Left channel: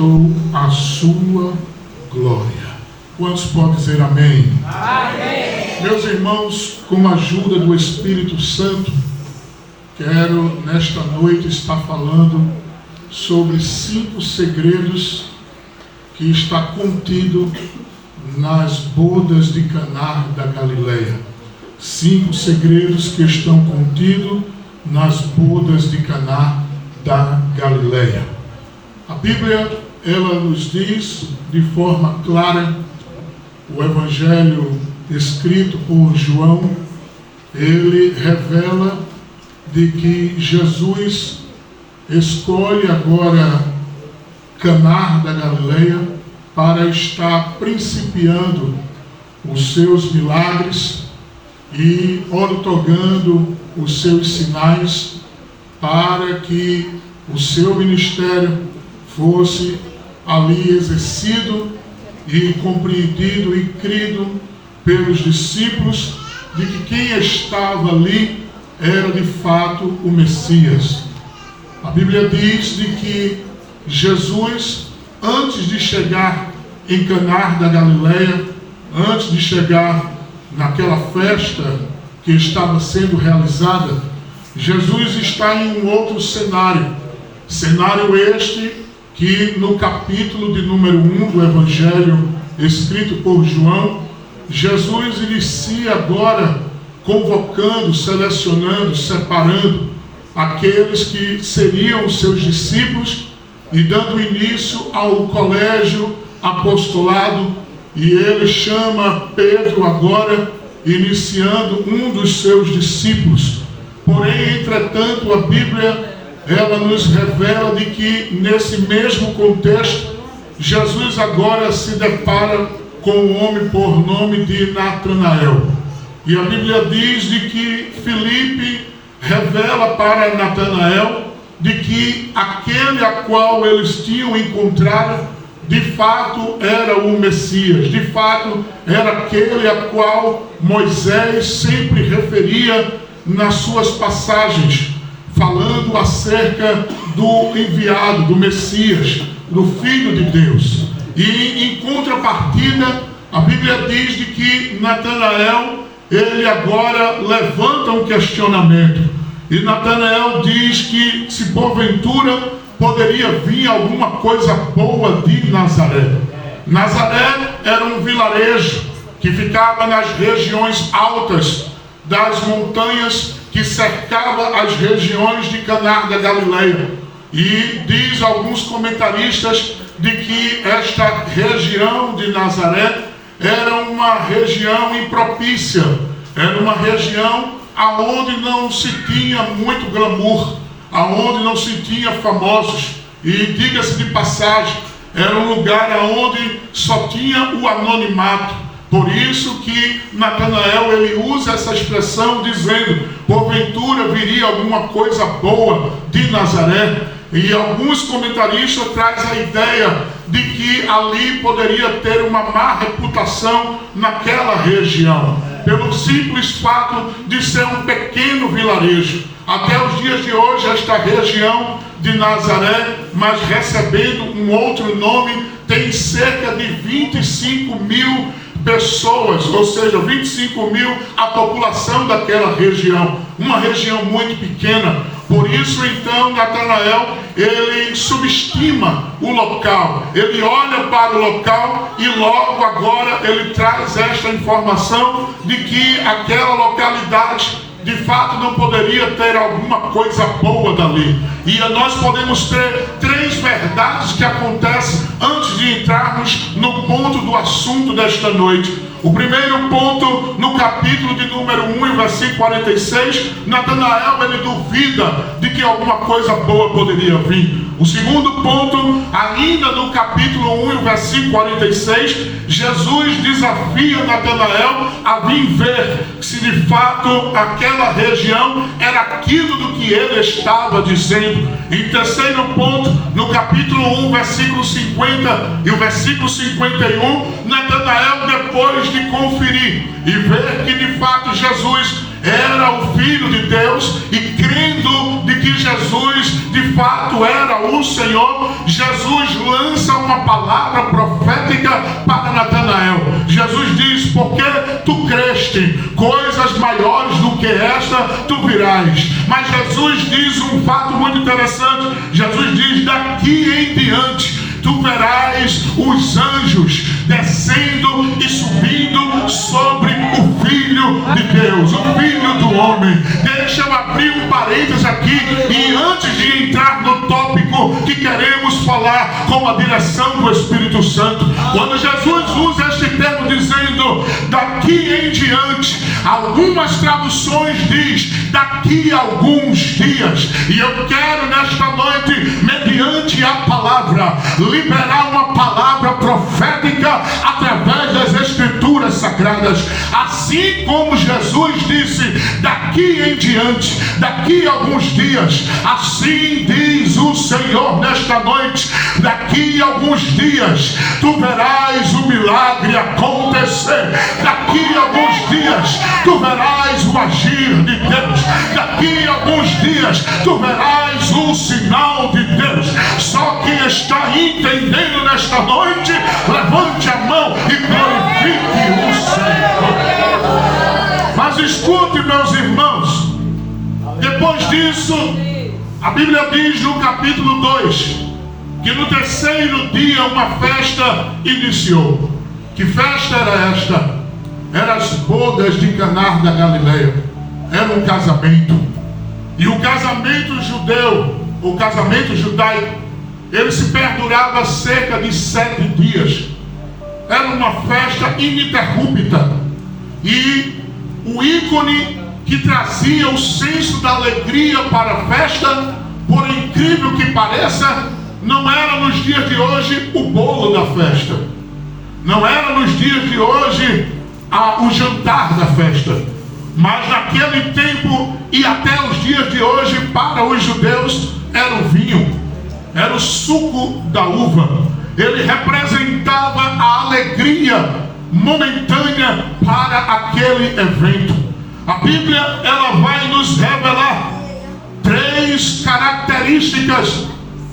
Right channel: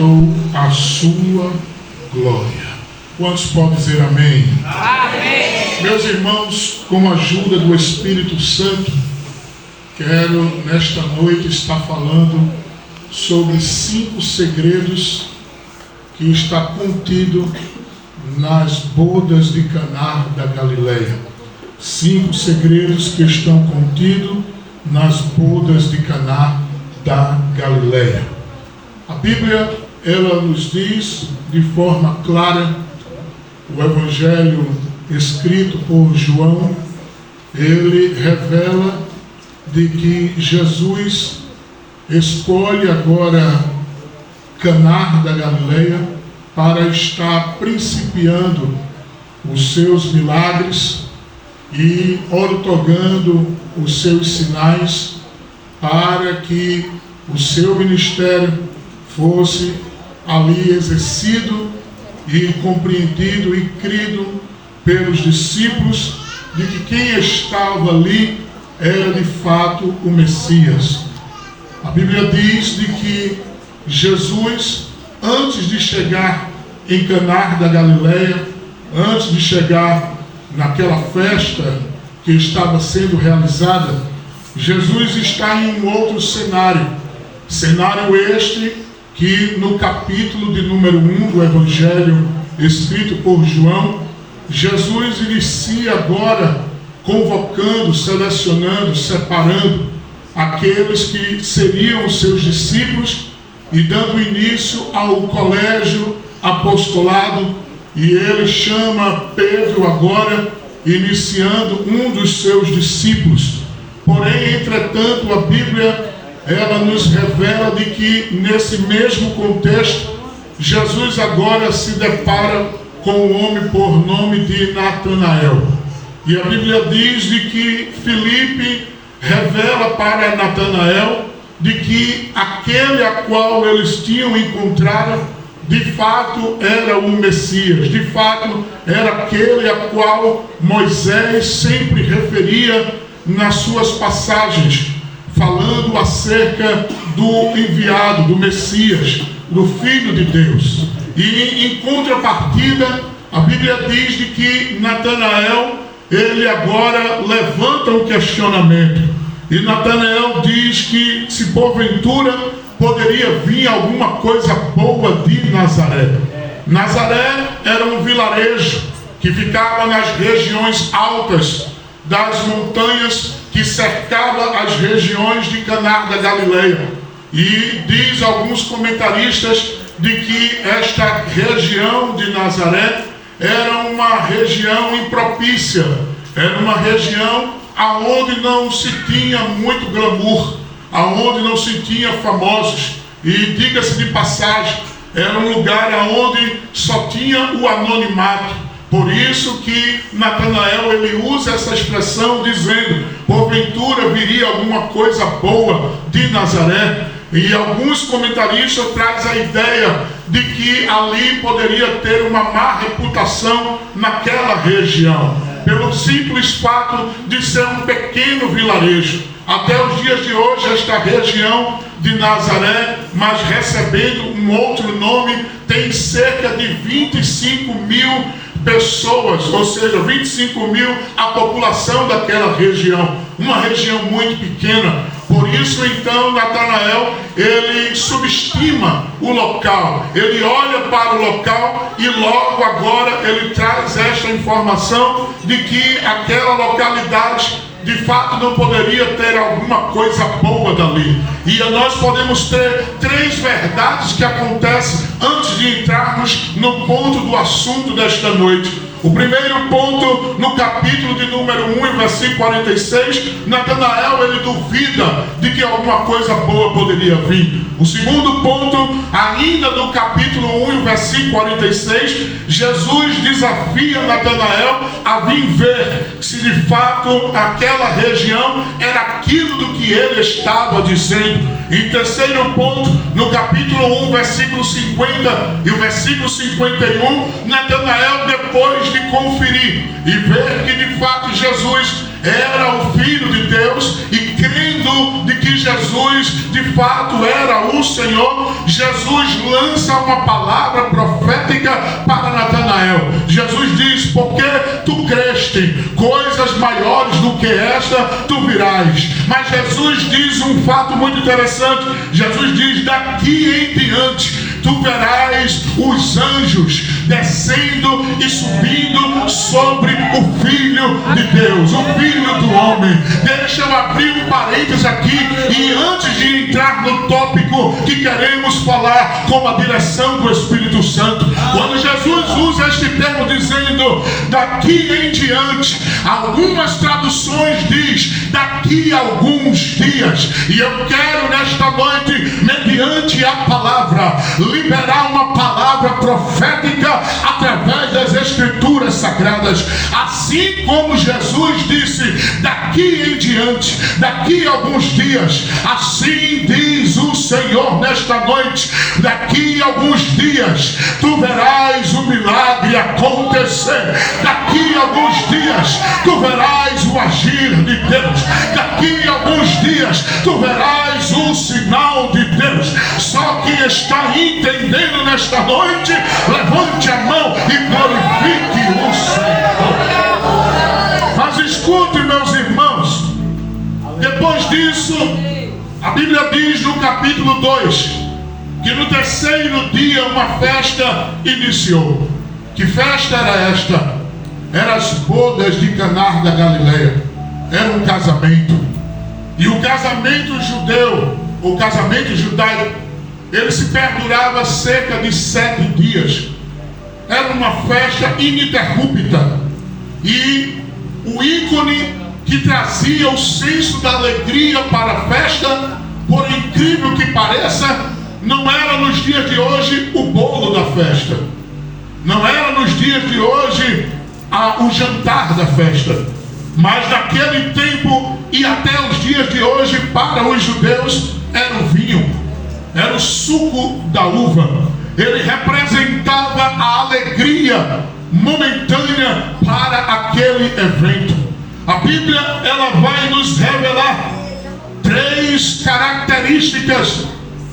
A sua glória. Quantos podem dizer amém? Amém. Meus irmãos, com a ajuda do Espírito Santo, quero nesta noite estar falando sobre 5 segredos que está contido nas bodas de Caná da Galileia. 5 segredos que estão contidos nas bodas de Caná da Galileia. A Bíblia, ela nos diz de forma clara, o Evangelho escrito por João, ele revela de que Jesus escolhe agora Caná da Galileia para estar principiando os seus milagres e otorgando os seus sinais para que o seu ministério fosse ali exercido e compreendido e crido pelos discípulos de que quem estava ali era de fato o Messias. A Bíblia diz de que Jesus, antes de chegar em Caná da Galileia, antes de chegar naquela festa que estava sendo realizada, Jesus está em um outro cenário este que no capítulo de número 1 do Evangelho escrito por João, Jesus inicia agora convocando, selecionando, separando aqueles que seriam os seus discípulos e dando início ao colégio apostolado, e ele chama Pedro agora, iniciando um dos seus discípulos. Porém, entretanto, a Bíblia ela nos revela de que nesse mesmo contexto, Jesus agora se depara com um homem por nome de Natanael. E a Bíblia diz de que Filipe revela para Natanael de que aquele a qual eles tinham encontrado, de fato era o Messias, de fato era aquele a qual Moisés sempre referia nas suas passagens, falando acerca do enviado, do Messias, do Filho de Deus. E em contrapartida, a Bíblia diz de que Natanael, ele agora levanta um questionamento. E Natanael diz que se porventura poderia vir alguma coisa boa de Nazaré. Nazaré era um vilarejo que ficava nas regiões altas das montanhas que cercava as regiões de Caná da Galileia. E diz alguns comentaristas de que esta região de Nazaré era uma região impropícia, era uma região aonde não se tinha muito glamour, aonde não se tinha famosos, e diga-se de passagem, era um lugar aonde só tinha o anonimato. Por isso que Natanael ele usa essa expressão dizendo, porventura viria alguma coisa boa de Nazaré. E alguns comentaristas trazem a ideia de que ali poderia ter uma má reputação naquela região, pelo simples fato de ser um pequeno vilarejo. Até os dias de hoje, esta região de Nazaré, mas recebendo um outro nome, tem cerca de 25 mil pessoas, ou seja, 25 mil a população daquela região, uma região muito pequena. Por isso então Natanael ele subestima o local, ele olha para o local e logo agora ele traz esta informação de que aquela localidade de fato não poderia ter alguma coisa boa dali. E nós podemos ter 3 verdades que acontecem antes de entrarmos no ponto do assunto desta noite. O primeiro ponto, no capítulo de número 1, versículo 46, Natanael ele duvida de que alguma coisa boa poderia vir. O segundo ponto, ainda no capítulo 1, versículo 46, Jesus desafia Natanael a vir ver se de fato aquela região era aquilo do que ele estava dizendo. Em terceiro ponto, no capítulo 1, versículo 50 e o versículo 51, Natanael, depois de conferir e ver que de fato Jesus era o Filho de Deus, e crendo de que Jesus de fato era o Senhor, Jesus lança uma palavra profética para Natanael. Jesus diz: porque tu creste, coisas maiores do que esta tu virás. Mas Jesus diz um fato muito interessante. Jesus diz: daqui em diante tu verás os anjos descendo e subindo sobre o Filho de Deus, o Filho do Homem. Deixa eu abrir um parênteses aqui, e antes de entrar no tópico que queremos falar com a direção do Espírito Santo, quando Jesus usa este termo dizendo daqui em diante, algumas traduções diz daqui a alguns dias, e eu quero nesta noite, mediante a palavra, liberar uma palavra profética através das Escrituras Sagradas. Assim como Jesus disse daqui em diante, daqui a alguns dias, assim diz o Senhor nesta noite: daqui a alguns dias tu verás o milagre acontecer, daqui a alguns dias tu verás o agir de Deus, daqui a alguns dias tu verás o sinal de Deus. Só quem está entendendo nesta noite, levante a mão e glorifique o Senhor. Mas escute, meus irmãos, depois disso, a Bíblia diz no capítulo 2 que no terceiro dia uma festa iniciou. Que festa era esta? Eram as bodas de Caná da Galileia. Era um casamento. E o casamento judeu, o casamento judaico, ele se perdurava cerca de 7 dias. Era uma festa ininterrupta. E o ícone que trazia o senso da alegria para a festa, por incrível que pareça, não era nos dias de hoje o bolo da festa, não era nos dias de hoje o jantar da festa, mas naquele tempo e até os dias de hoje, para os judeus, era o vinho, era o suco da uva. Ele representava a alegria momentânea para aquele evento. A Bíblia, ela vai nos revelar 3 características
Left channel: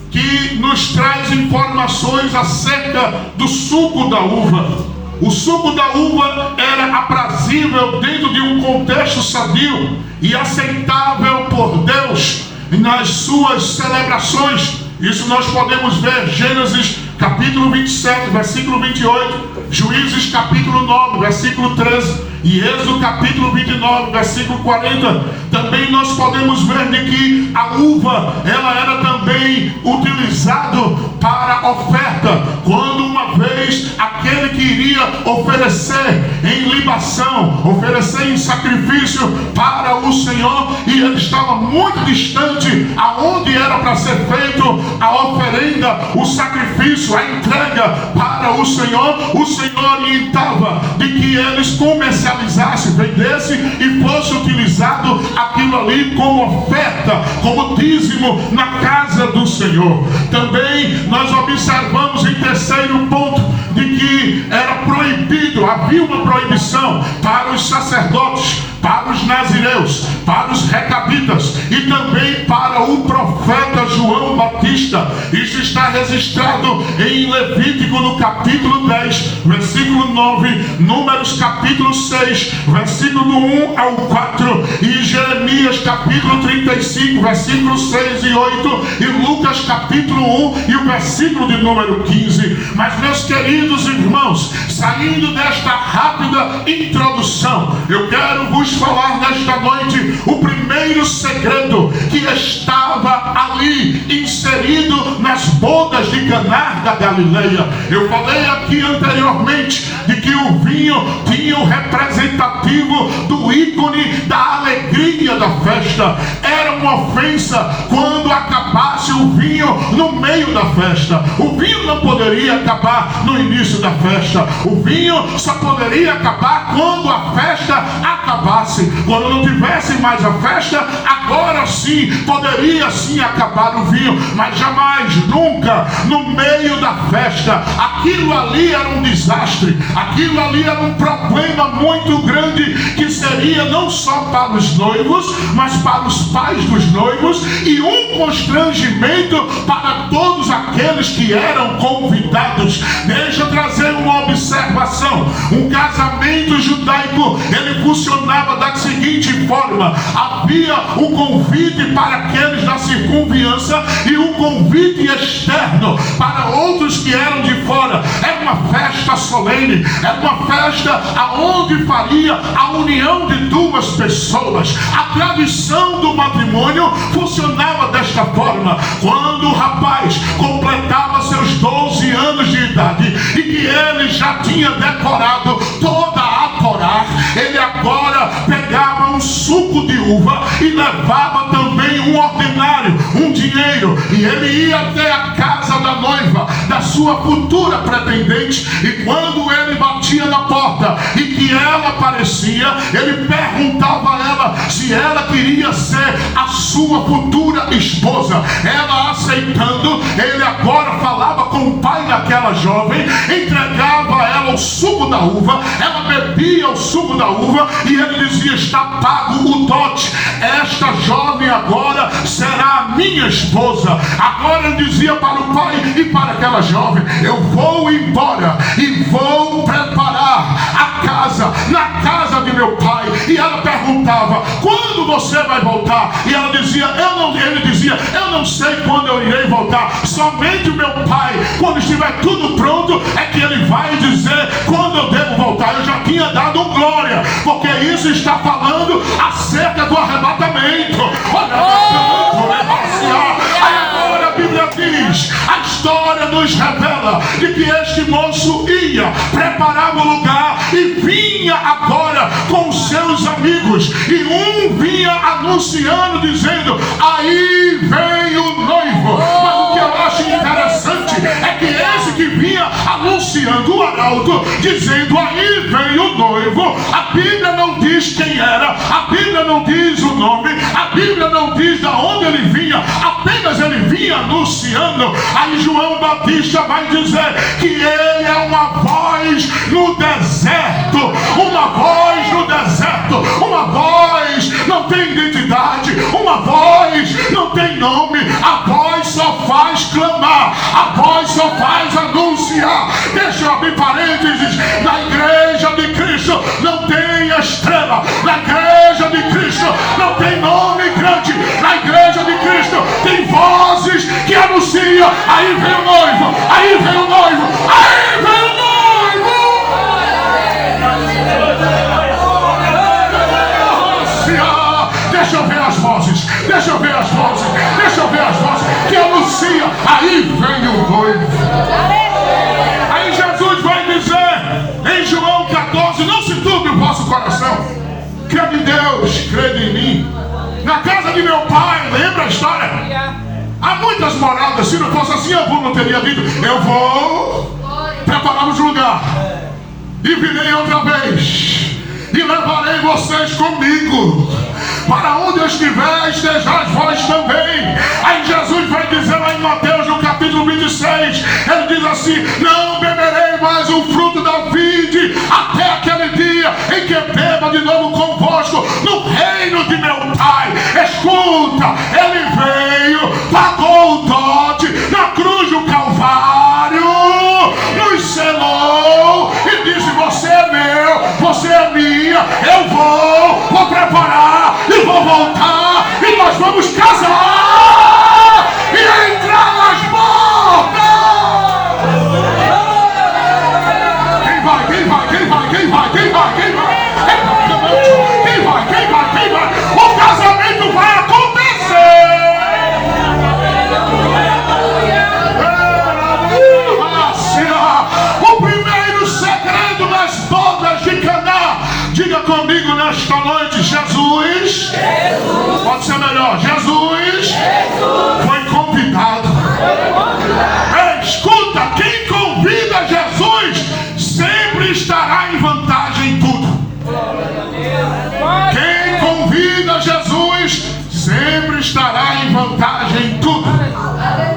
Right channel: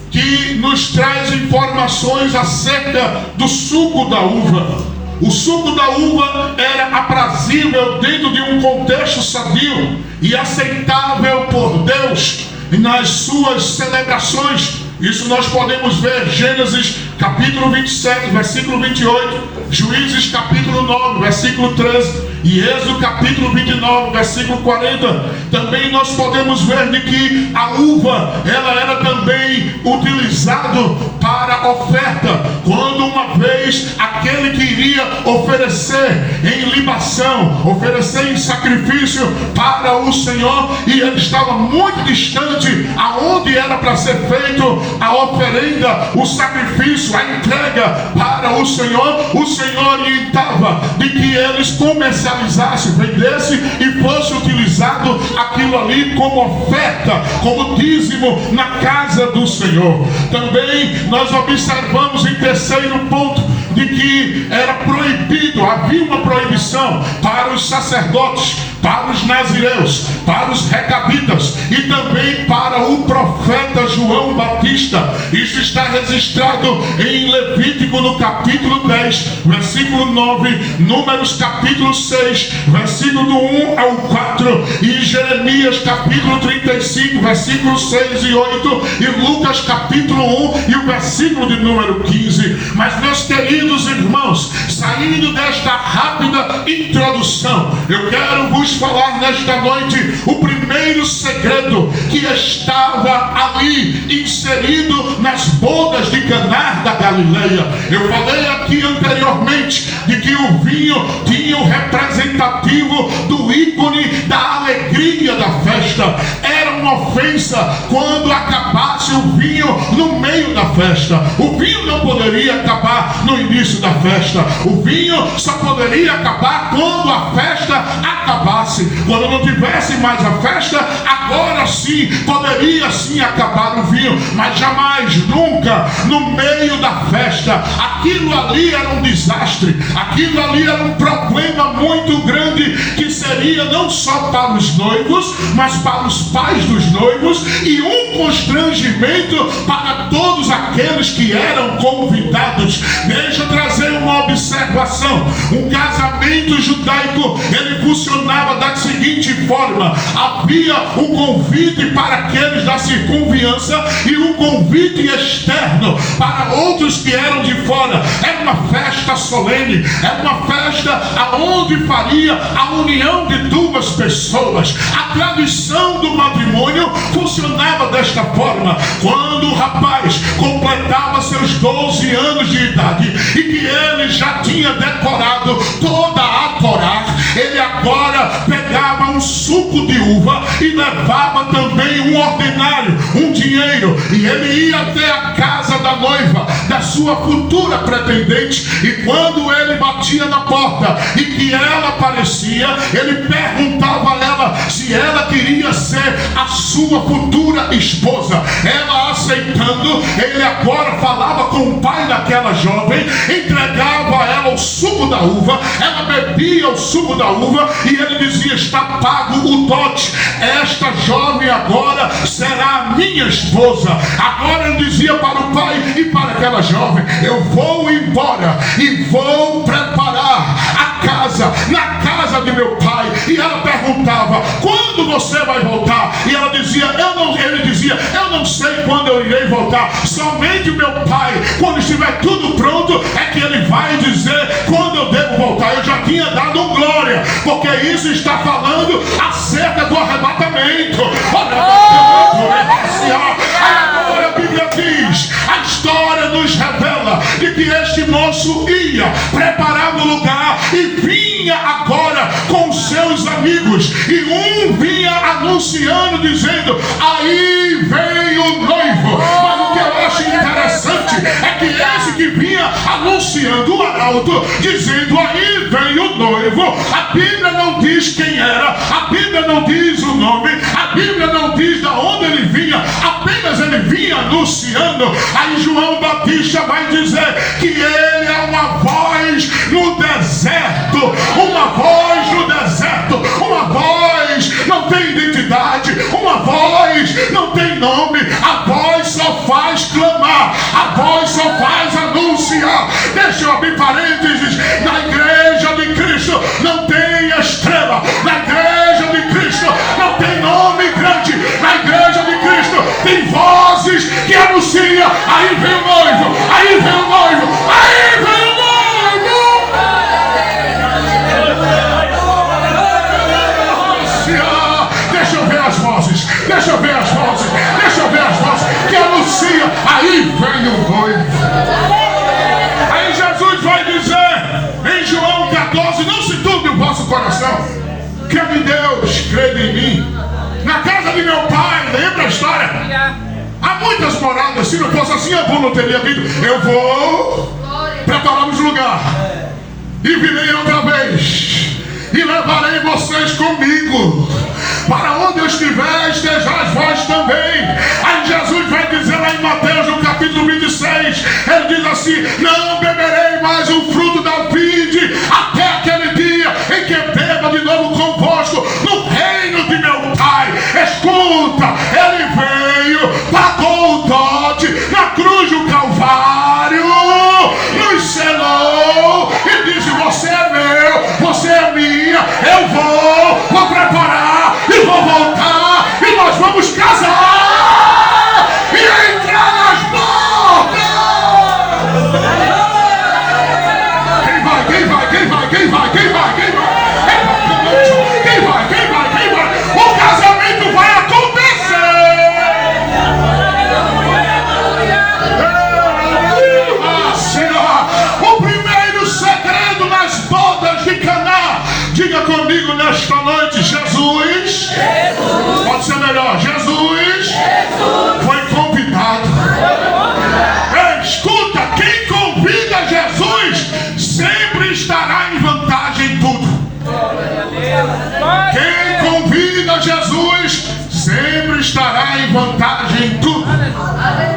que nos traz informações acerca do suco da uva. O suco da uva era aprazível dentro de um contexto sadio e aceitável por Deus nas suas celebrações. Isso nós podemos ver Gênesis capítulo 27, versículo 28, Juízes capítulo 9, versículo 13, e Êxodo capítulo 29, versículo 40. Também nós podemos ver de que a uva, ela era também utilizado para oferta, quando uma vez aquele que iria oferecer em libação, oferecer em sacrifício para o Senhor, e ele estava muito distante aonde era para ser feito a oferenda, o sacrifício, a entrega para o Senhor orientava de que eles comercializassem, vendessem e fosse utilizado aquilo ali como oferta, como dízimo na casa do Senhor. Também nós observamos em terceiro ponto de que era proibido, havia uma proibição para os sacerdotes, para os nazireus, para os recabitas e também para o profeta João Batista. Isso está registrado em Levítico no capítulo 10, versículo 9, Números capítulo 6, versículo do 1 ao 4, e Jeremias capítulo 35, versículos 6 e 8, e Lucas capítulo 1 e o versículo de número 15. Mas, meus queridos irmãos, saindo desta rápida introdução, eu quero vos falar nesta noite o primeiro segredo que estava ali inserido nas bodas de Caná da Galileia. Eu falei aqui anteriormente de que o vinho tinha o representativo do ícone da alegria da festa. Era uma ofensa quando acabasse o vinho no meio da festa. O vinho não poderia acabar no início início da festa. O vinho só poderia acabar quando a festa acabasse. Quando não tivesse mais a festa, agora sim, poderia sim acabar o vinho. Mas jamais, nunca, no meio da festa. Aquilo ali era um desastre. Aquilo ali era um problema muito grande, que seria não só para os noivos, mas para os pais dos noivos, e um constrangimento para todos aqueles que eram convidados. Deixa eu trazer uma observação. Um casamento judaico, ele funcionava da seguinte forma: havia o convite para aqueles da circunviança e o convite externo para outros que eram de fora. Era uma festa solene, era uma festa aonde faria a união de duas pessoas. A tradição do matrimônio funcionava desta forma: quando o rapaz completava seus 12 anos de idade e que ele já tinha decorado toda a Torá, ele agora pegava um suco de uva e levava também um ordenário, um dinheiro, e ele ia até a casa da noiva, da sua futura pretendente, e quando ele batia na porta e que ela aparecia, ele perguntava a ela se ela queria ser a sua futura esposa. Ela aceitando, ele agora falava com o pai daquela jovem, entregava a ela o suco da uva, ela bebia o suco da uva e ele dizia: está pago o dote, esta jovem agora será a minha esposa. Agora ele dizia para o pai e para aquela jovem: eu vou embora e vou preparar a casa, na casa de meu pai. E ela perguntava: quando você vai voltar? E ela dizia: ele dizia: eu não sei quando eu irei voltar, somente o meu pai, quando estiver tudo pronto, é que ele vai dizer quando eu devo voltar. Eu já tinha dado glória, porque isso está falando acerca do arrebatamento. Agora a Bíblia diz, a história nos revela de que este moço ia, preparava o lugar e vinha agora com seus amigos, e um vinha anunciando, dizendo: aí vem o noivo. Mas o que eu acho interessante é que esse que vinha anunciando o arauto, dizendo aí vem o noivo, a Bíblia não diz quem era, a Bíblia não diz o nome, a Bíblia não diz de onde ele vinha, apenas ele vinha anunciando. Aí João Batista vai dizer que ele é uma voz no deserto, uma voz no deserto, uma voz não tem identidade, uma voz não tem nome, a voz só faz clamar, a voz só faz anunciar. Deixa eu abrir parênteses: na igreja de Cristo não tem estrela, na igreja de Cristo não tem nome grande, na igreja de Cristo tem vozes que anunciam: aí vem o noivo, aí vem o noivo, aí vem o noivo. Deixa eu ver as vozes, deixa eu ver as vozes, deixa eu ver as vozes que anunciam: aí vem o noivo. Aí Jesus vai dizer em João 14: não se turbe o vosso coração, crede em Deus, crede em mim. Na casa de meu pai, lembra a história? Há muitas moradas. Se não fosse assim, eu não teria dito: eu vou preparar um lugar e virei outra vez e levarei vocês comigo. Para onde eu estiver, estejais vós também. Aí Jesus vai dizer lá em Mateus, no capítulo 26, ele diz assim: não beberei mais o fruto da vide até aquele dia em que beba de novo convosco no reino de meu Pai. Escuta, ele veio, pagou o dote na cruz do Calvário, nos selou e disse: você é meu, você é minha, eu vou preparar e vou voltar e nós vamos casar e entrar nas bodas. Quem vai? Quem vai? Quem vai? Quem vai? Quem vai? Quem vai? Quem vai? Quem vai? Quem vai? O casamento vai acontecer. O primeiro segredo nas bodas de Caná. Diga comigo nesta noite: Jesus. Pode ser melhor: Jesus foi convidado. Escuta, quem convida Jesus estará em vantagem em tudo.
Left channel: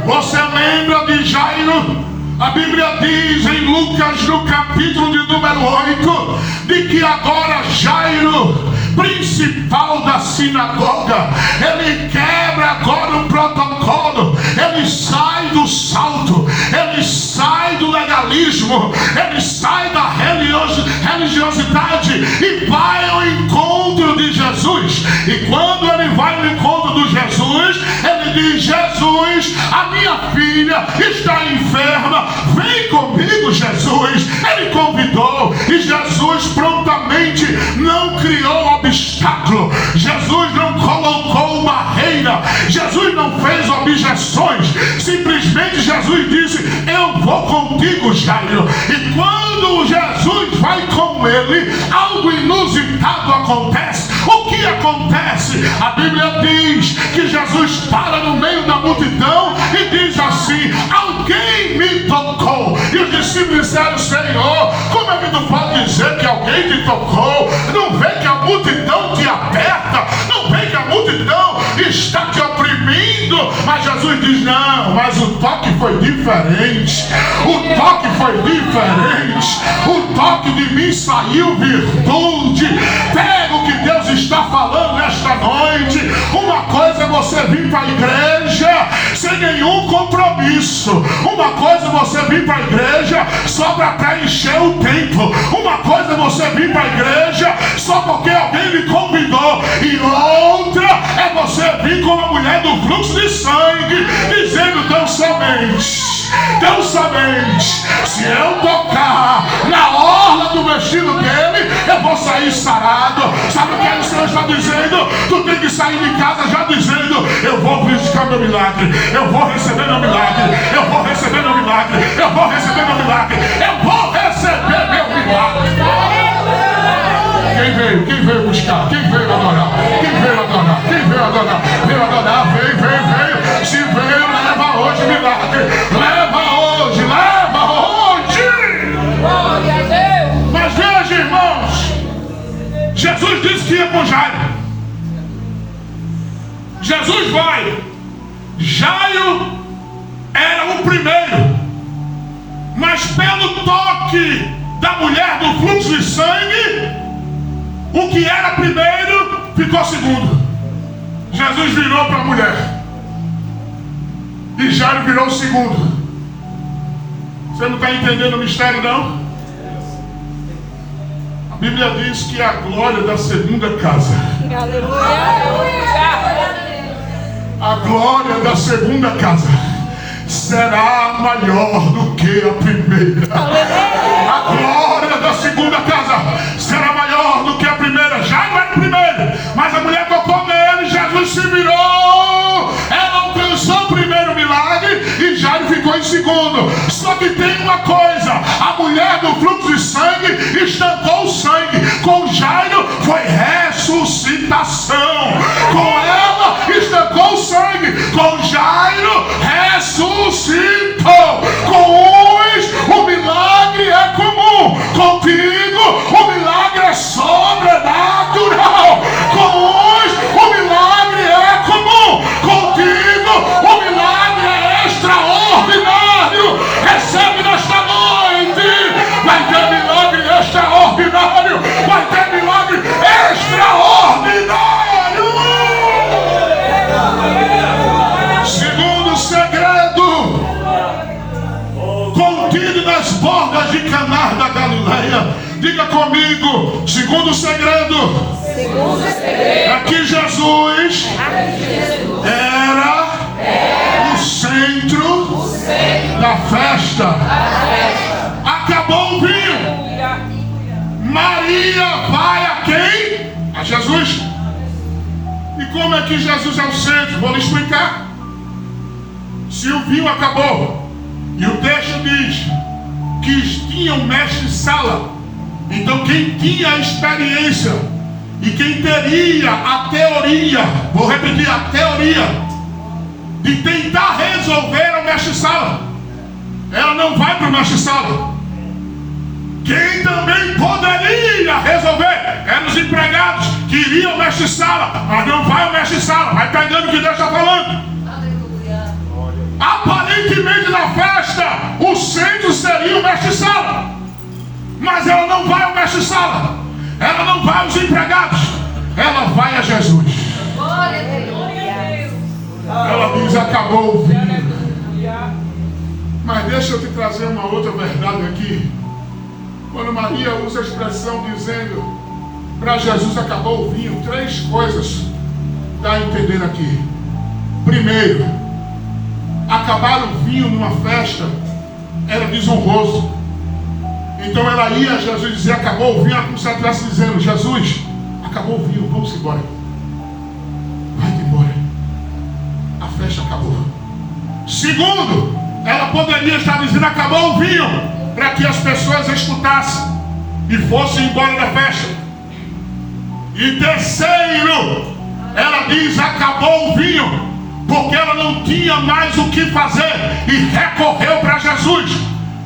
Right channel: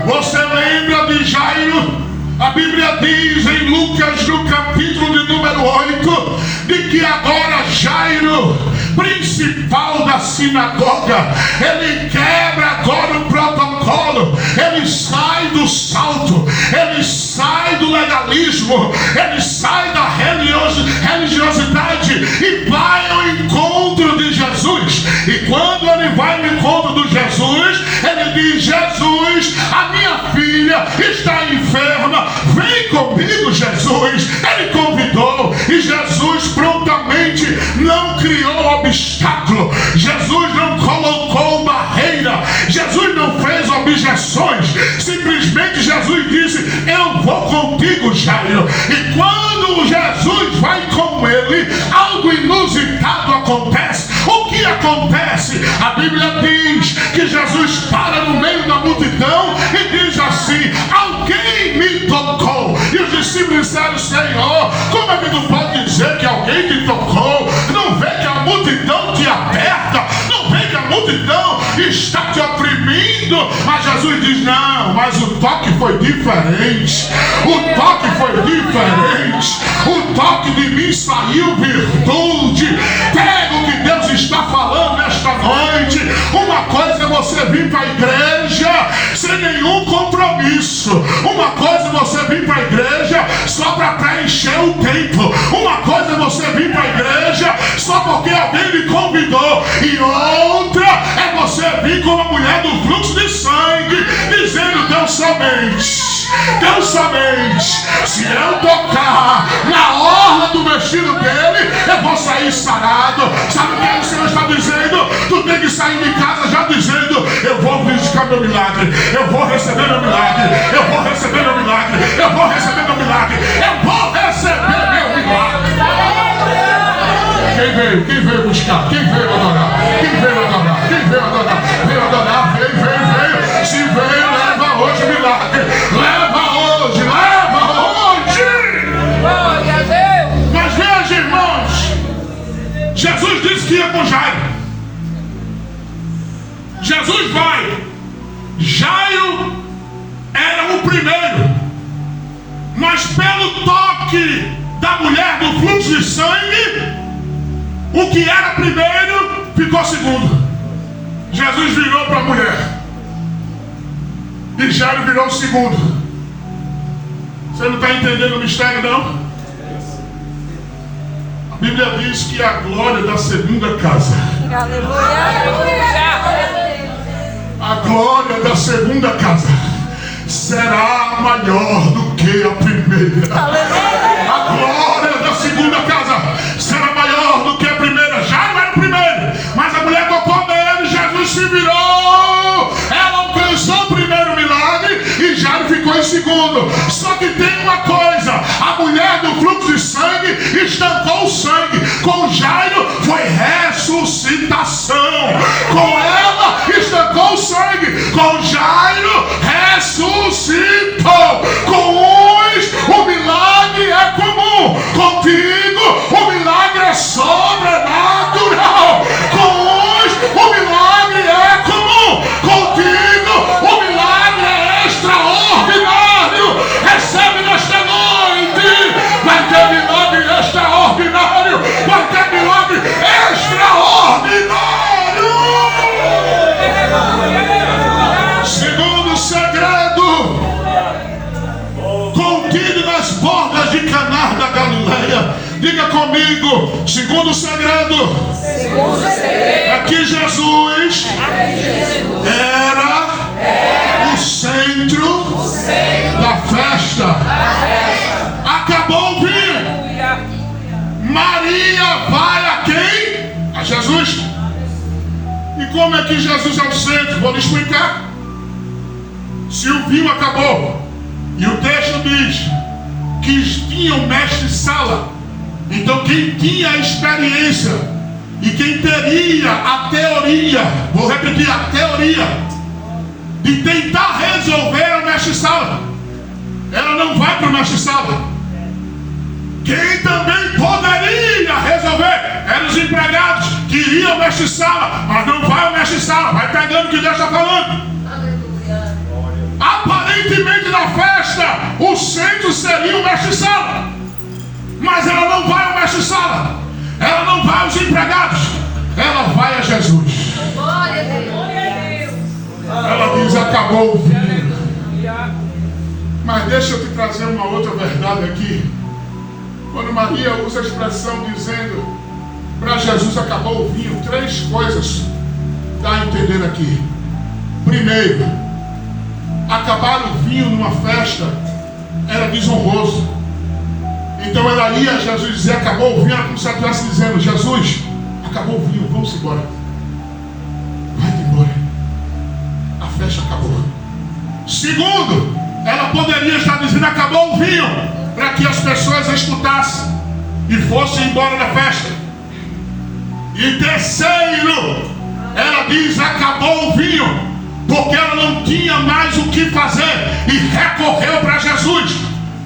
Você lembra de Jairo? A Bíblia diz em Lucas, no capítulo de número 8, de que agora Jairo, principal da sinagoga, ele quebra agora o protocolo, ele sai do salto, ele sai do legalismo, ele sai da religiosidade e vai ao encontro de Jesus. E quando ele vai ao encontro de Jesus, ele diz: Jesus, a minha filha está enferma, vem comigo, Jesus. Ele convidou e Jesus prontamente não criou obstáculo, Jesus não colocou barreira, Jesus não fez objeções, simplesmente Jesus disse: eu vou contigo, Jairo. E quando Jesus vai com ele, algo inusitado acontece. O que acontece? A Bíblia diz que Jesus para no meio da multidão e diz assim: alguém me tocou. E os discípulos disseram: Senhor, como é que tu pode dizer que alguém te tocou? Não vê que a multidão te aperta? Não vê que a multidão está te oprimindo? Mas Jesus diz: não, mas o toque foi diferente. O toque foi diferente. O toque de mim saiu virtude. Pega o que Deus está falando nesta noite. Uma coisa é você vir para a igreja sem nenhum compromisso. Uma coisa é você vir para a igreja só para preencher o tempo. Uma coisa é você vir para a igreja só porque alguém lhe convidou. E outra é você vir como a mulher do fluxo de sangue, dizendo: tão somente, tão somente, se eu tocar na orla do vestido dele, eu vou sair sarado. Sabe o que o Senhor está dizendo? Tu tem que sair de casa já dizendo: eu vou buscar meu milagre, eu vou receber meu milagre, eu vou receber meu milagre, eu vou receber meu milagre, eu vou receber meu milagre. Quem veio? Quem veio buscar? Quem veio adorar? Quem veio adorar? Quem veio adorar? Veio adorar, veio, veio, veio. Se veio, leva hoje o milagre. Leva hoje, leva hoje. Glória a Deus. Mas veja, irmãos, Jesus disse que ia com Jairo. Jesus vai. Jairo era o primeiro, mas pelo toque da mulher do fluxo de sangue, o que era primeiro ficou segundo. Jesus virou para a mulher e Jairo virou o segundo. Você não está entendendo o mistério, não? A Bíblia diz que a glória da segunda casa, a glória da segunda casa será maior do que a primeira. A glória da segunda casa será maior do que a primeira. Já não era o primeiro, mas a mulher tocou nele, Jesus se virou, ela alcançou o primeiro milagre e Jairo ficou em segundo. Só que tem uma coisa: a mulher do fluxo de sangue estancou o sangue. Com Jairo foi ressuscitação. Com ela estancou o sangue, com Jairo ressuscitou. Com uns o milagre é comum, contigo o milagre é sobrenatural. Com uns o milagre é comum, contigo o milagre é extraordinário. Recebe nesta noite. Vai ter milagre extraordinário. Vai ter milagre extraordinário. Segundo segredo, contido nas bordas de Caná da Galileia. Diga comigo: segundo segredo, é que Jesus era o centro da festa. Acabou o vinho. Maria vai a quem? A Jesus. E como é que Jesus é o centro? Vou lhe explicar. Se o vinho acabou, e o texto diz que tinha um mestre-sala, então quem tinha a experiência e quem teria a teoria, vou repetir, a teoria de tentar resolver a mestre-sala, ela não vai para o mestre-sala. Quem também poderia resolver eram os empregados, Queria o mestre-sala, mas não vai o mestre-sala. Vai pegando o que Deus está falando. Aparentemente na festa, o centro seria o mestre-sala. Mas ela não vai ao mestre-sala. Ela não vai aos empregados. Ela vai a Jesus. Ela diz: acabou o vinho. Mas deixa eu te trazer uma outra verdade aqui. Quando Maria usa a expressão dizendo para Jesus acabou o vinho, 3 coisas dá a entender aqui. Primeiro, acabar o vinho numa festa era desonroso. Então ela ia a Jesus dizer acabou o vinho, como se ela estivesse dizendo: Jesus, acabou o vinho, vamos embora. Vai-te embora. A festa acabou. Segundo, ela poderia estar dizendo acabou o vinho, para que as pessoas escutassem e fossem embora da festa. E terceiro, ela diz acabou o vinho, porque ela não tinha mais o que fazer e recorreu para Jesus.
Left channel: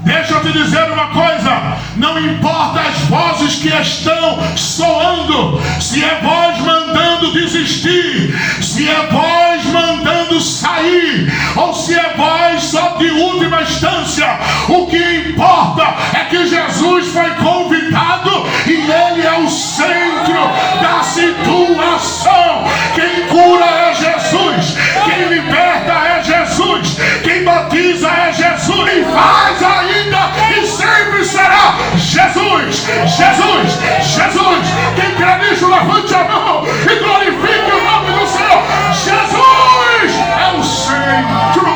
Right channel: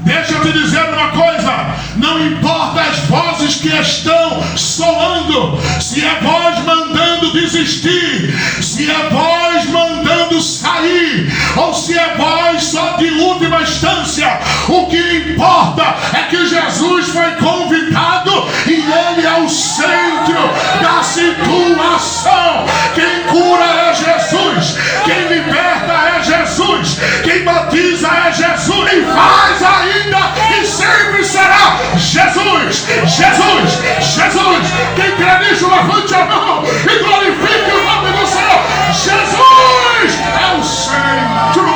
Deixa eu te dizer uma coisa: não importa as vozes que estão soando, se é voz mandando desistir, se é voz mandando sair, ou se é voz só de última instância, o que importa é que Jesus foi convidado e Ele é o centro da situação. Quem cura é Jesus, quem liberta é Jesus, quem batiza é Jesus, quem faz ainda e sempre será Jesus, Jesus, Jesus. Quem crê nisso, levante a mão e glorifique o nome do Senhor. Jesus é o centro.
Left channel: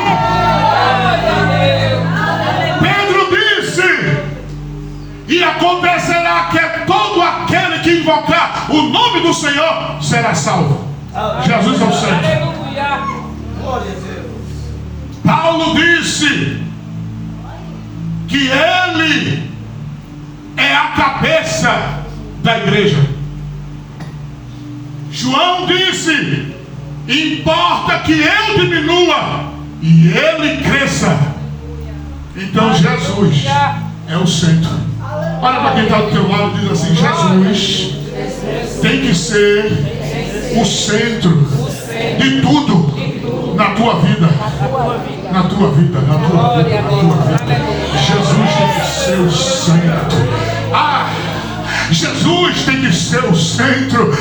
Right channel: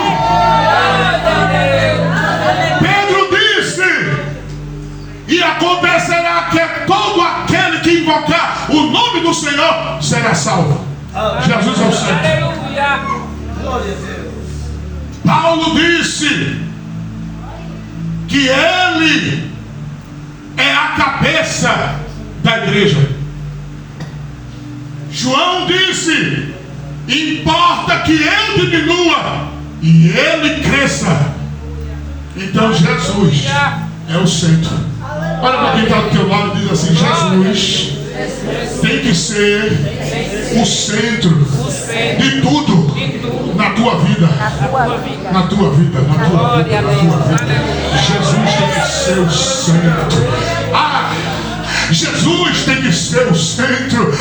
Pedro disse: e acontecerá que todo aquele que invocar o nome do Senhor será salvo. Jesus é o centro. Paulo disse que ele é a cabeça da igreja. João disse: importa que eu diminua e ele cresça. Então Jesus é o centro. Olha para quem está do teu lado e diz assim: Jesus tem que ser o centro de tudo na tua vida. Na tua vida, na tua vida, na tua vida. Jesus tem que ser o centro. Jesus tem que ser o centro.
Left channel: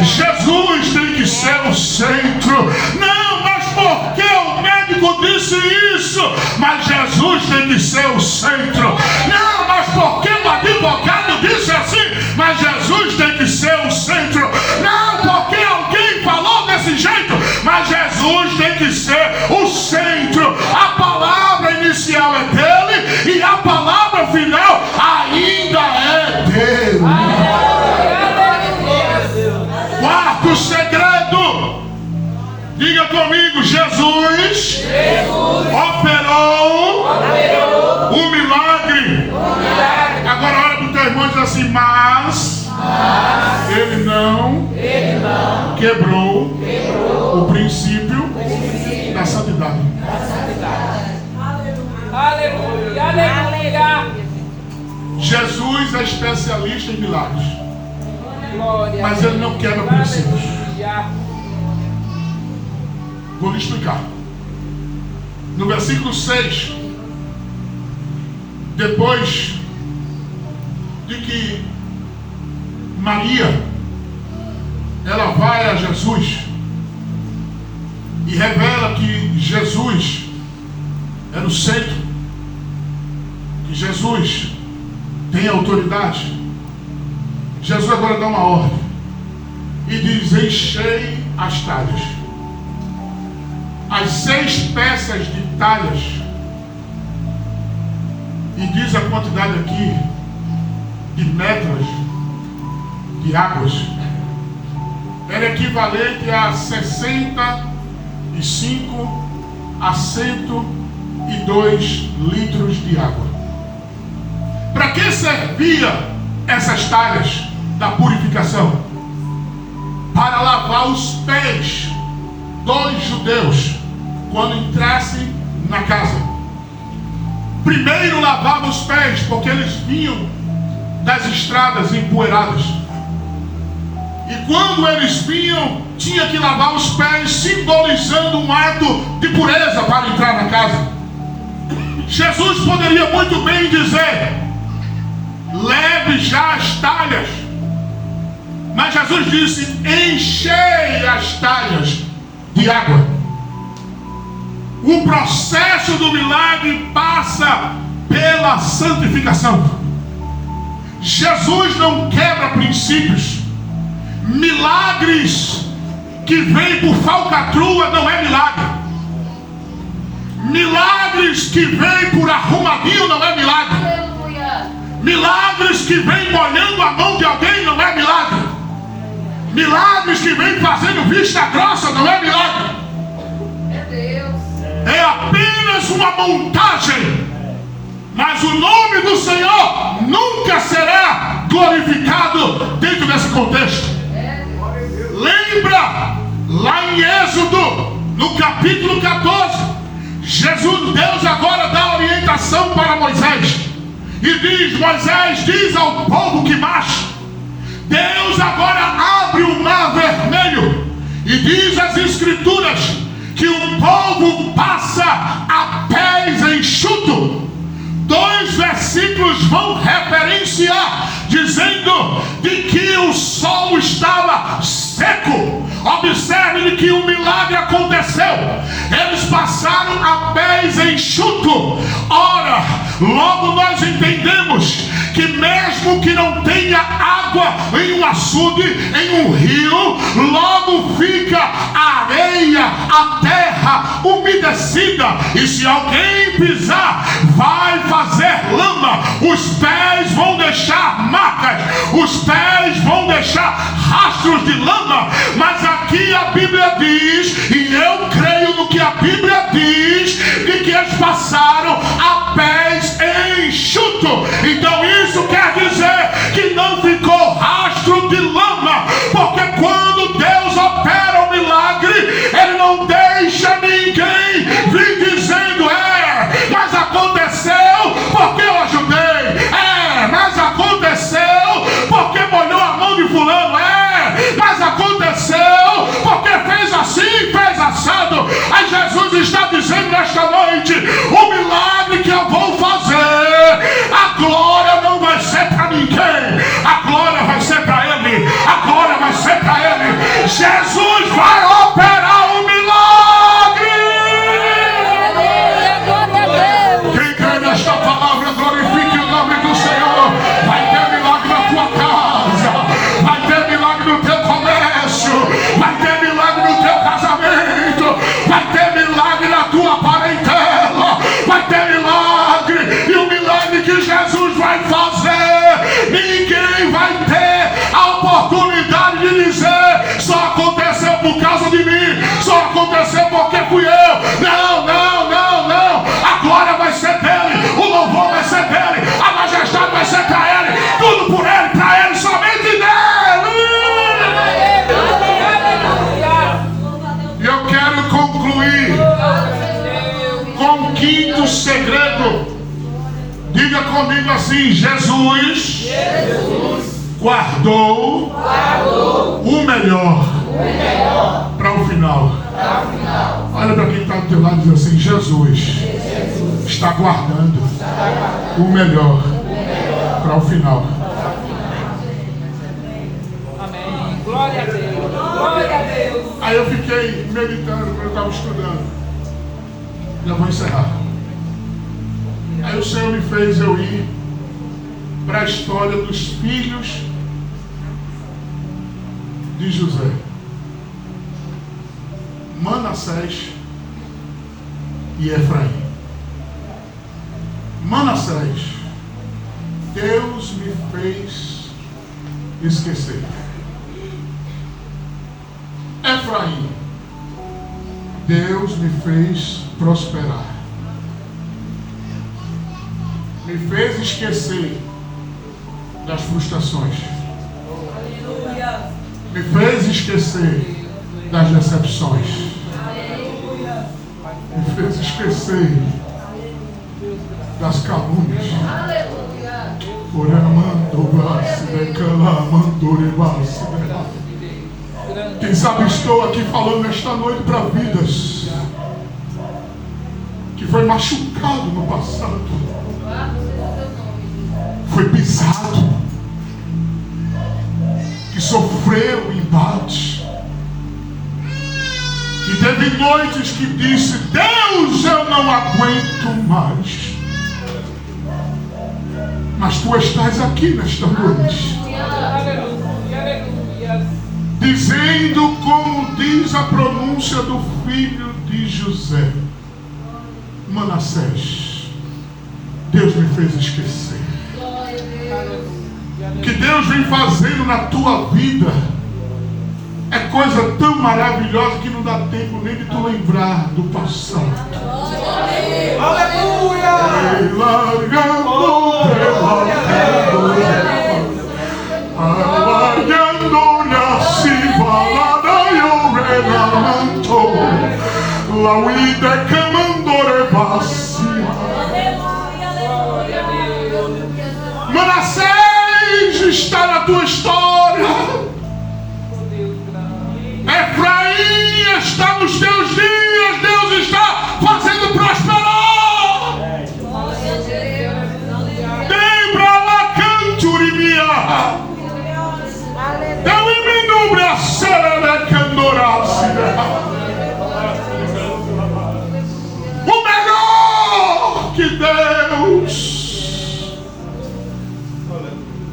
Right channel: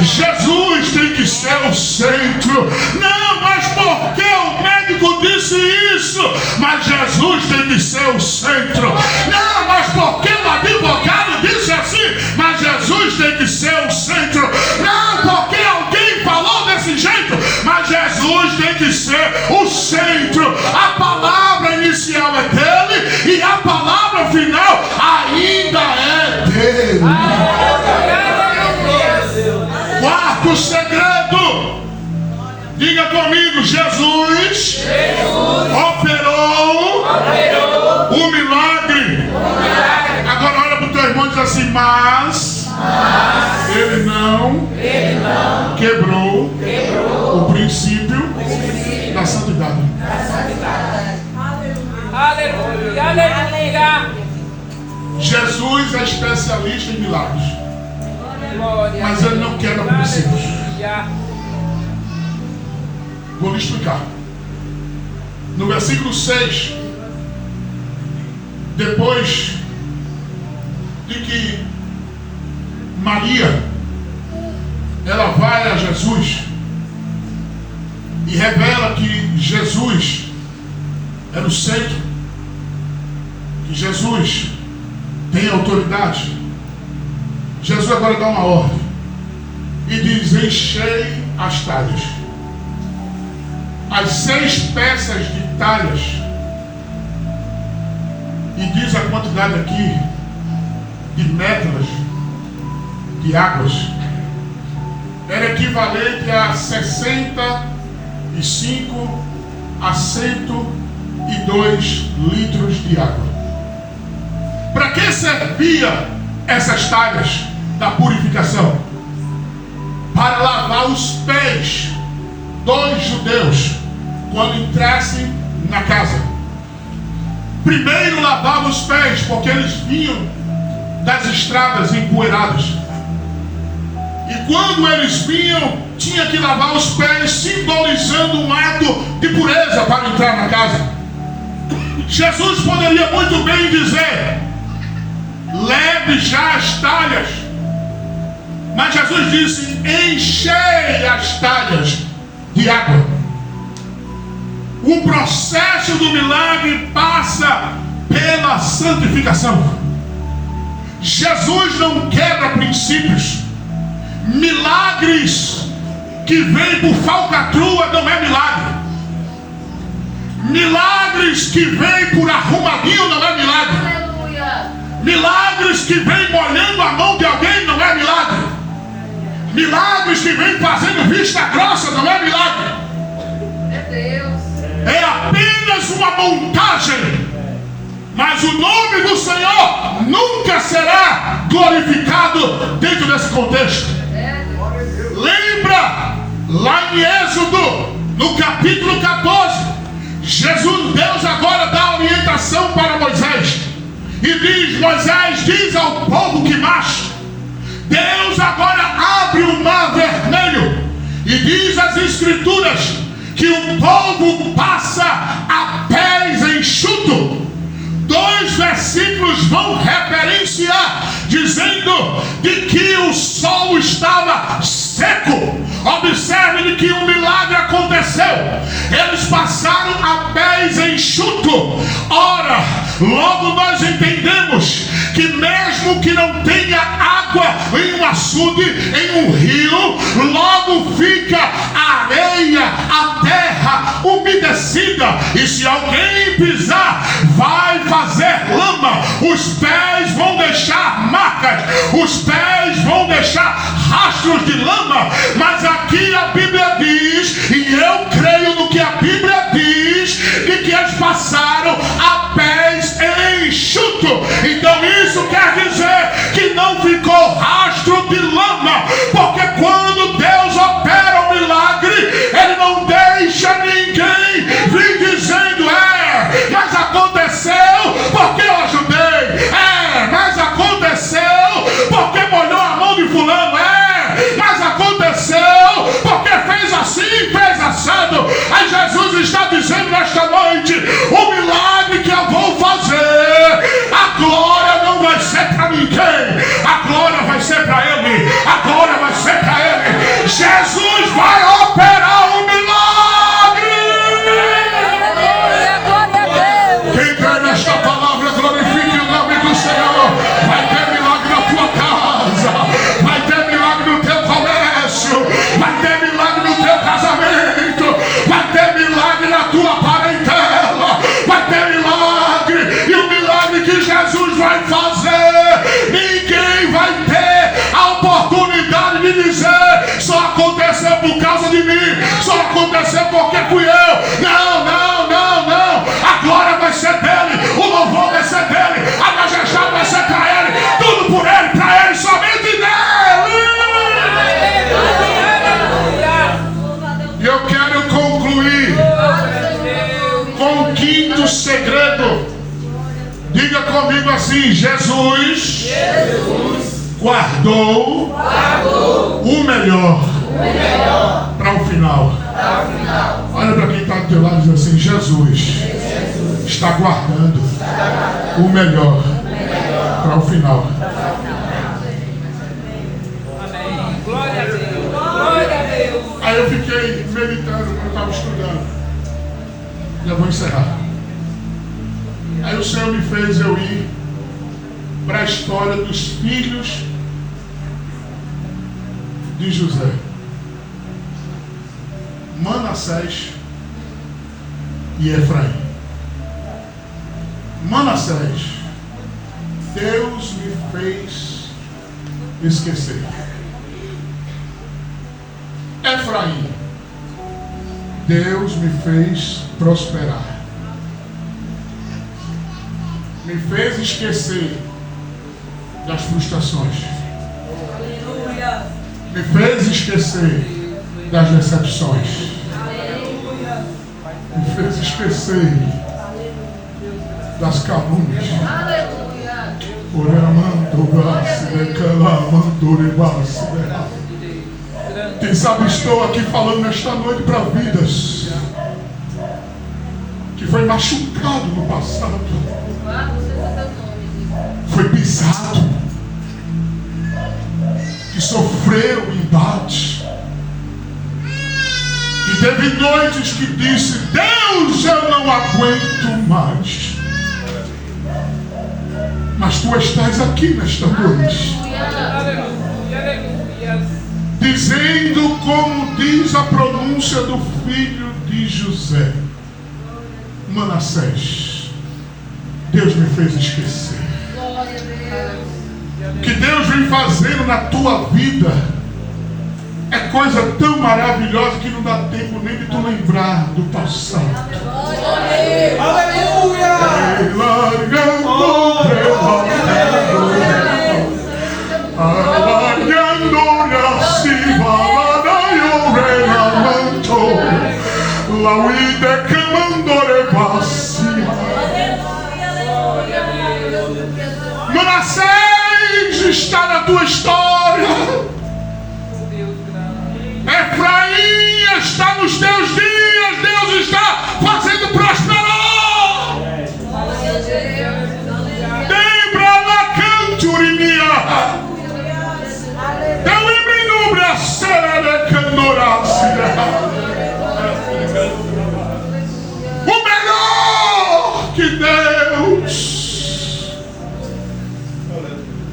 Jesus tem que ser o centro. Não, mas por que o médico disse isso? Mas Jesus tem que ser o centro. Não, mas por que o advogado disse assim? Mas Jesus tem que ser o centro. Não, porque alguém falou desse jeito. Mas Jesus tem que ser o centro. A palavra inicial é dele e a palavra final ainda é dele. Quarto segredo. Diga comigo: Jesus operou o milagre. Agora olha para o teu irmão e diz assim: mas ele não quebrou o princípio da santidade. Aleluia, aleluia. Jesus é especialista em milagres, mas ele não quebra princípios. Vou lhe explicar. No versículo 6, depois de que Maria ela vai a Jesus e revela que Jesus era o centro, que Jesus tem autoridade, Jesus agora dá uma ordem e diz: enchei as talhas. As 6 peças de talhas, e diz a quantidade aqui de metros de águas, era equivalente a 65 a 102 litros de água. Para que servia essas talhas da purificação? Para lavar os pés dos judeus quando entrassem na casa. Primeiro lavavam os pés, porque eles vinham das estradas empoeiradas. E quando eles vinham, tinha que lavar os pés, simbolizando um ato de pureza para entrar na casa. Jesus poderia muito bem dizer: leve já as talhas. Mas Jesus disse: enchei as talhas de água. O processo do milagre passa pela santificação. Jesus não quebra princípios. Milagres que vêm por falcatrua não é milagre. Milagres que vêm por arrumadinho não é milagre. Milagres que vêm molhando a mão de alguém não é milagre. Milagres que vêm fazendo vista grossa não é milagre. É apenas uma montagem. Mas o nome do Senhor nunca será glorificado dentro desse contexto. Lembra lá em Êxodo, no capítulo 14, Deus agora dá orientação para Moisés e diz: Moisés, diz ao povo que marche. Deus agora abre o mar vermelho e diz as escrituras que o povo passa a pés enxuto. 2 versículos vão referenciar, dizendo de que o sol estava seco. Observe que um milagre aconteceu. Eles passaram a pés enxuto. Ora, logo nós entendemos que mesmo que não tenha água em um açude, em um rio, logo fica a areia, a terra umedecida, e se alguém pisar, vai fazer lama. Os pés vão deixar marcas, os pés vão deixar rastros de lama. Mas aqui a Bíblia diz, e eu creio no que a Bíblia diz, de que eles passaram a pés enxuto. Então isso quer dizer que não ficou rastro de lama, porque quando Deus opera um milagre, Ele não deixa ninguém vir dizendo: mas aconteceu porque eu ajudei, mas aconteceu porque molhou a mão de fulano, mas aconteceu porque fez assim, fez assado. Aí Jesus está dizendo nesta noite: o milagre que eu vou fazer, a glória não vai ser para ninguém, a glória vai ser para Ele, a glória vai ser para Ele. Jesus vai operar o milagre. Quem crê nesta palavra, glorifique o nome do Senhor. Vai ter milagre na tua casa, vai ter milagre no teu comércio, vai ter milagre no teu casamento, vai ter milagre na tua parentela, vai ter milagre. E o milagre que Jesus vai fazer, ninguém vai ter a oportunidade de dizer: só aconteceu por causa de mim, só aconteceu porque fui eu. Não, não, não, não. A glória vai ser dele, o louvor vai ser dele, a majestade vai ser para ele, tudo por ele, para ele, somente dele. E eu quero concluir com o 5º segredo. Diga comigo assim: Jesus guardou o melhor para o final. Olha para quem está do teu lado e diz assim: Jesus está guardando o melhor para o final. Amém. Glória a Deus. Glória a Deus. Aí eu fiquei meditando, eu estava estudando. Já vou encerrar. Aí o Senhor me fez eu ir para a história dos filhos de José: Manassés e Efraim. Manassés, Deus me fez esquecer. Efraim, Deus me fez prosperar. Me fez esquecer das frustrações. Me fez esquecer das decepções. Me fez esquecer das calúnias. Quem sabe estou aqui falando nesta noite para vidas que foi machucado no passado, foi pisado, que sofreu embate, que teve noites que disse: Deus, eu não aguento mais. Mas tu estás aqui nesta noite, dizendo como diz a pronúncia do filho de José: Manassés, Deus me fez esquecer. O que Deus vem fazendo na tua vida é coisa tão maravilhosa que não dá tempo nem de tu lembrar do passado. Aleluia! Manassés está na tua história. Efraim está nos teus dias. Deus está fazendo prosperar. Lembra lá, canturimia. Eliminubra, serere, candorácia. O melhor que Deus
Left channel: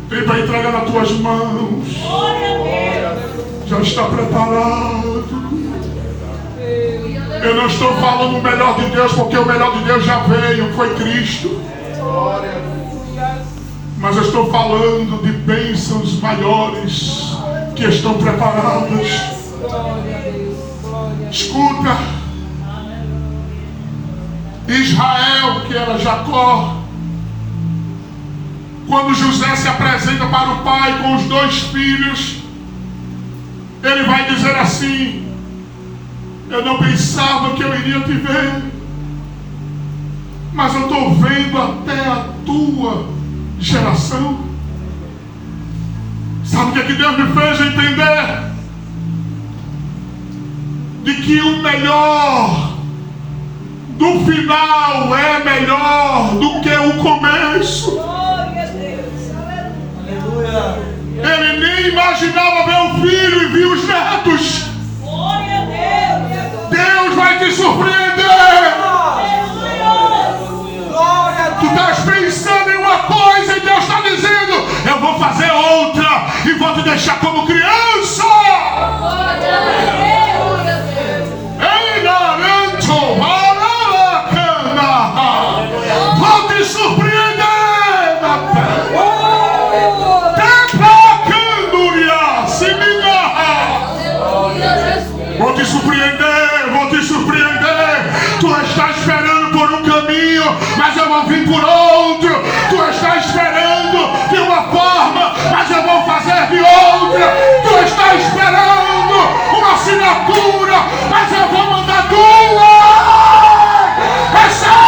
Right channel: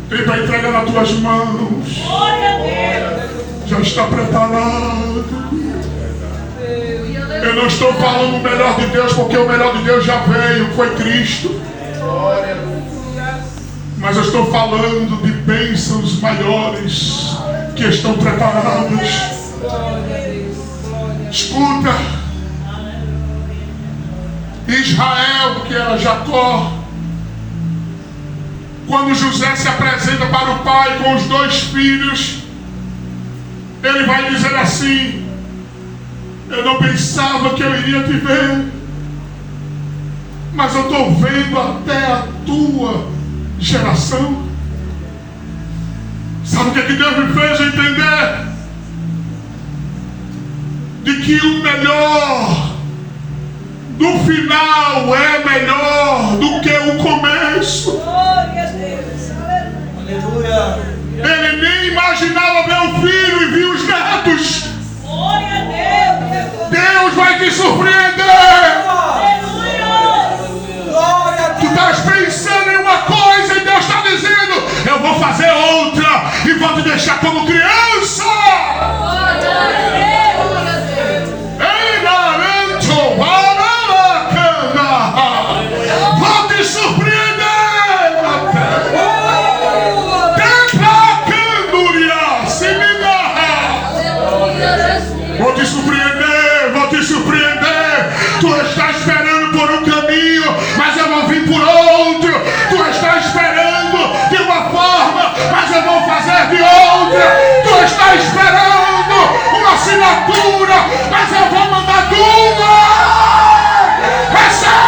tem para entregar nas tuas mãos já está preparado. Eu não estou falando o melhor de Deus, porque o melhor de Deus já veio, foi Cristo. Mas eu estou falando de bênçãos maiores que estão preparadas. Escuta, Israel, que era Jacó, quando José se apresenta para o pai com os 2 filhos, ele vai dizer assim: eu não pensava que eu iria te ver, mas eu estou vendo até a tua geração. Sabe o que Deus me fez entender? De que o melhor do final é melhor do que o começo. Aleluia! Ele nem imaginava ver o filho e viu os netos. Deus vai te surpreender. Tu estás pensando em uma coisa e Deus está dizendo: eu vou fazer outra e vou te deixar como criança. Vou te surpreender. Vou te surpreender, vou te surpreender. Tu estás esperando por um caminho, mas eu vou vir por outro. Tu estás esperando de uma forma, mas eu vou fazer de outra. Tu estás esperando uma assinatura, mas eu vou mandar 2. Recebe!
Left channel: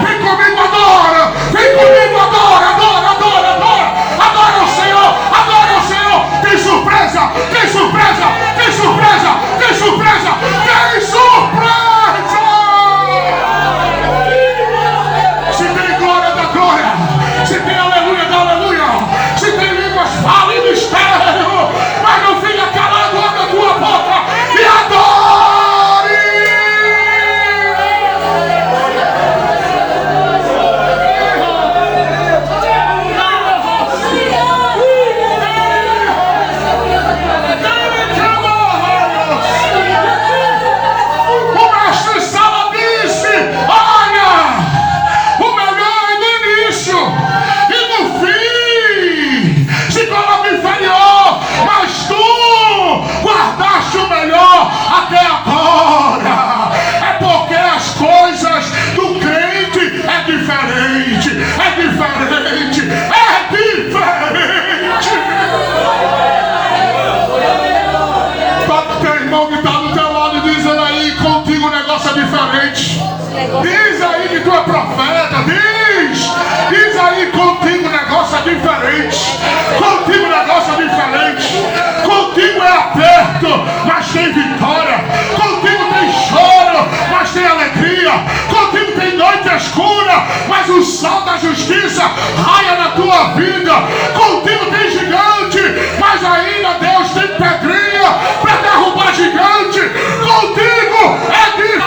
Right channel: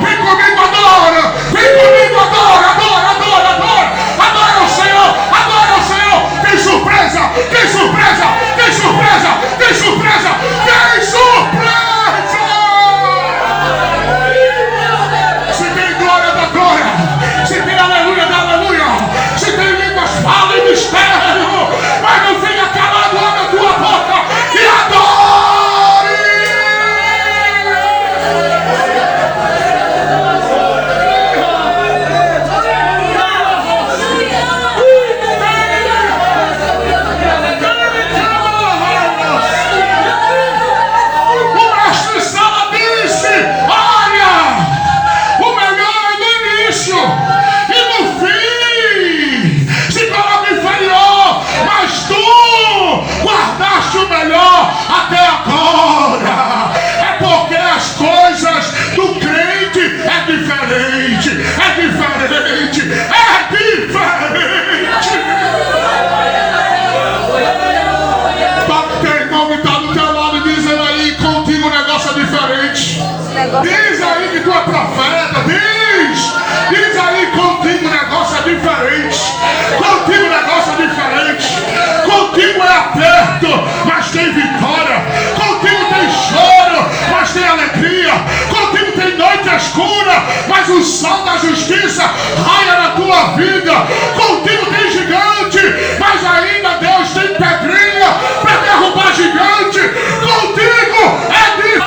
Vem comigo agora! Vem comigo agora! Adora, adora, adora! Adora o Senhor! Adora o Senhor! Tem surpresa! Tem surpresa! Tem surpresa! Tem surpresa! Tem surpresa! Se tem glória da glória! Se tem aleluia da aleluia! Se tem línguas, fala em mistério! Mas não fica calado, abre a tua boca e adore! Até agora, é porque as coisas do crente é diferente, é diferente, é diferente. Toca teu irmão que está do teu lado e diz ele aí: contigo o negócio é diferente. Diz aí que tu é profeta. Diz aí, contigo o negócio é diferente. Contigo o negócio é diferente. Contigo é aperto, mas tem vitória. Contigo tem choro, mas tem alegria. Contigo tem noite escura, mas o sol da justiça raia na tua vida. Contigo tem gigante, mas ainda Deus tem pedrinha para derrubar gigante. Contigo é diferente.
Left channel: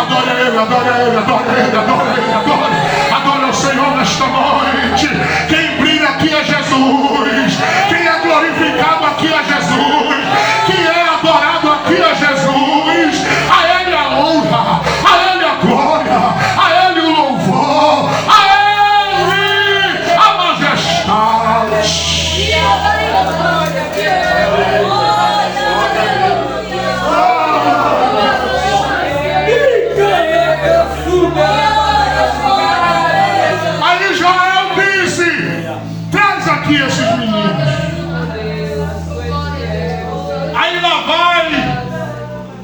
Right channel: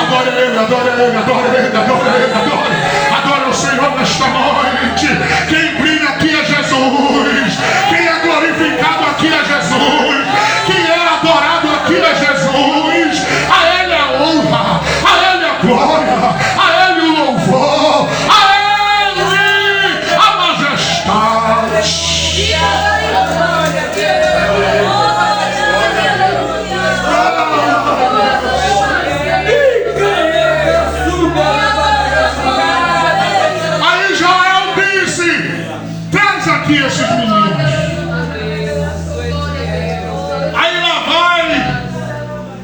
Adore Ele, adore Ele, adore Ele, adore Ele, adore. Adore o Senhor nesta noite. Quem brilha aqui é Jesus. Quem é glorificado aqui é Jesus. Quem é adorado aqui é Jesus. A Ele a honra, a Ele a glória, a Ele o louvor, a Ele a majestade. Aí Israel disse: traz aqui esses meninos. Aí lá vai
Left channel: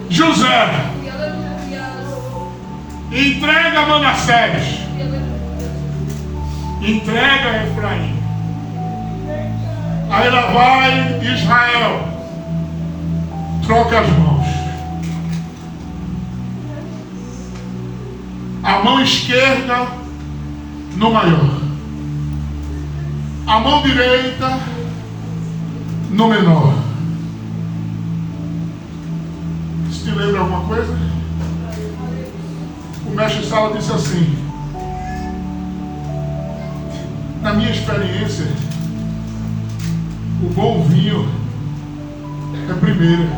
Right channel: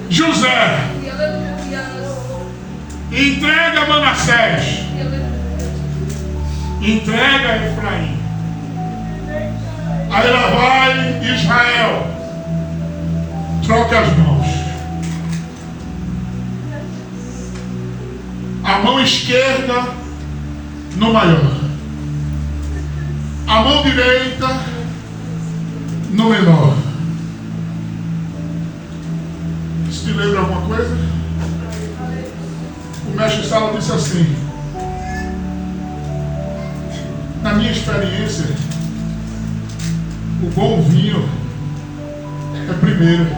José, entrega Manassés, entrega Efraim. Aí lá vai Israel, troca as mãos. A mão esquerda no maior, a mão direita no menor. Isso te lembra alguma coisa? O mestre Sala disse assim: na minha experiência, o bom vinho é primeiro,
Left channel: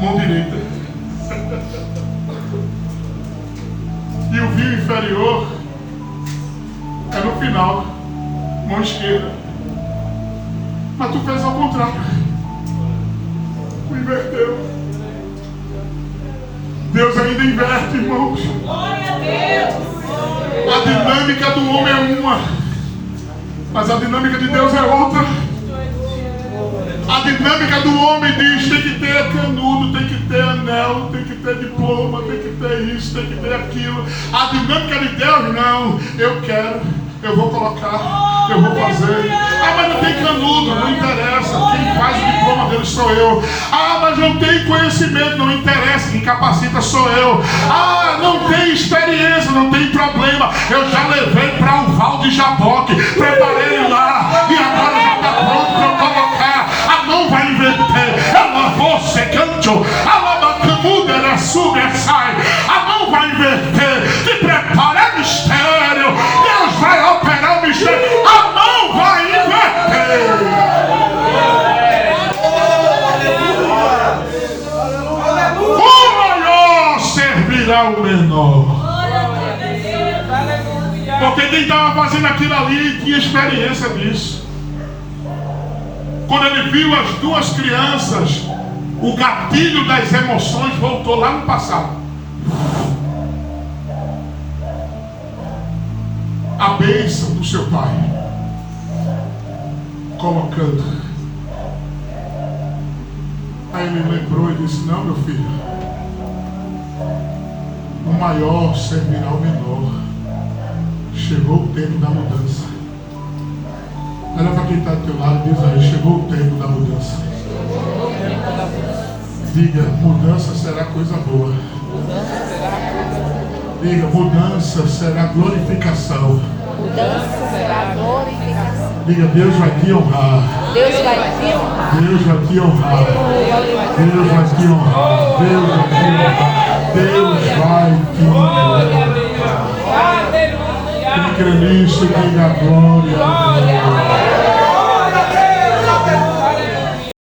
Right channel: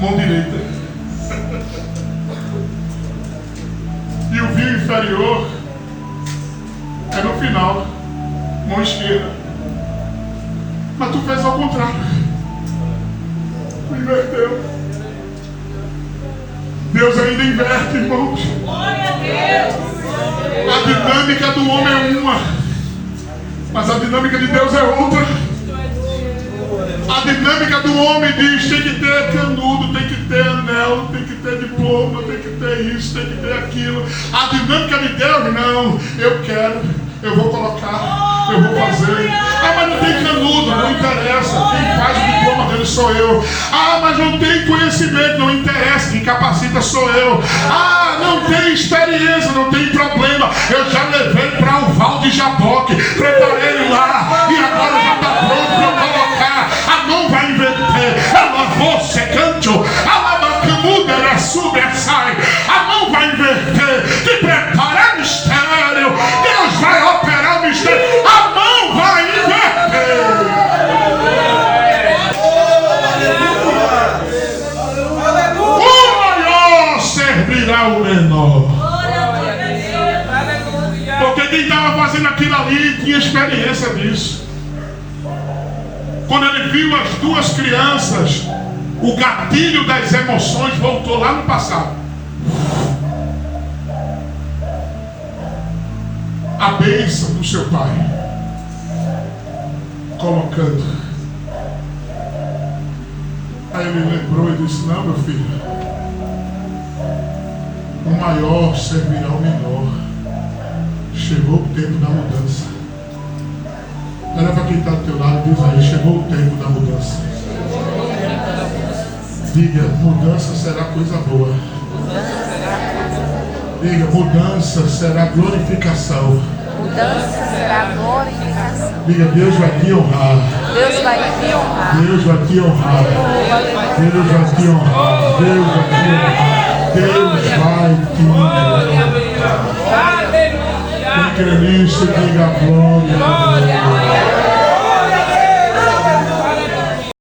mão direita. E o vinho inferior é no final, mão esquerda. Mas tu fez ao contrário. Tu inverteu. Deus ainda inverte, irmãos. A dinâmica do homem é uma, mas a dinâmica de Deus é outra. A dinâmica do homem diz: tem que ter canudo, tem que ter anel, tem que ter diploma, tem que ter isso, tem que ter aquilo. A dinâmica de Deus, não. Eu quero, eu vou colocar, eu vou fazer. Ah, mas não tem canudo, não interessa. Quem faz o diploma dele sou eu. Ah, mas não tem conhecimento, não interessa. Quem capacita sou eu. Ah, não tem experiência, não tem problema. Eu já levei para o Val de Jaboque, preparei ele lá e agora já está pronto para eu colocar. A mão vai inverter. Ela você canto, ela camuda, ela sube, ela sai. A mão vai inverter. Te prepara mistério. Deus vai operar o mistério. A mão vai inverter. O maior servirá o menor. Porque quem estava fazendo aquilo ali tinha experiência disso. Quando ele viu as duas crianças, o gatilho das emoções voltou lá no passado. A bênção do seu pai, colocando. Aí ele lembrou e disse: não, meu filho, o maior servirá ao menor. Chegou o tempo da mudança. Olha para quem está do teu lado e diz aí: chegou o tempo da mudança. Diga: mudança será coisa boa. Diga: mudança será glorificação. Mudança será glorificação. Diga: Deus vai te honrar. Deus vai te honrar. Deus vai te honrar. Deus vai te honrar. Deus vai te honrar. Deus vai te honrar. Quem crê nisso, diga glória.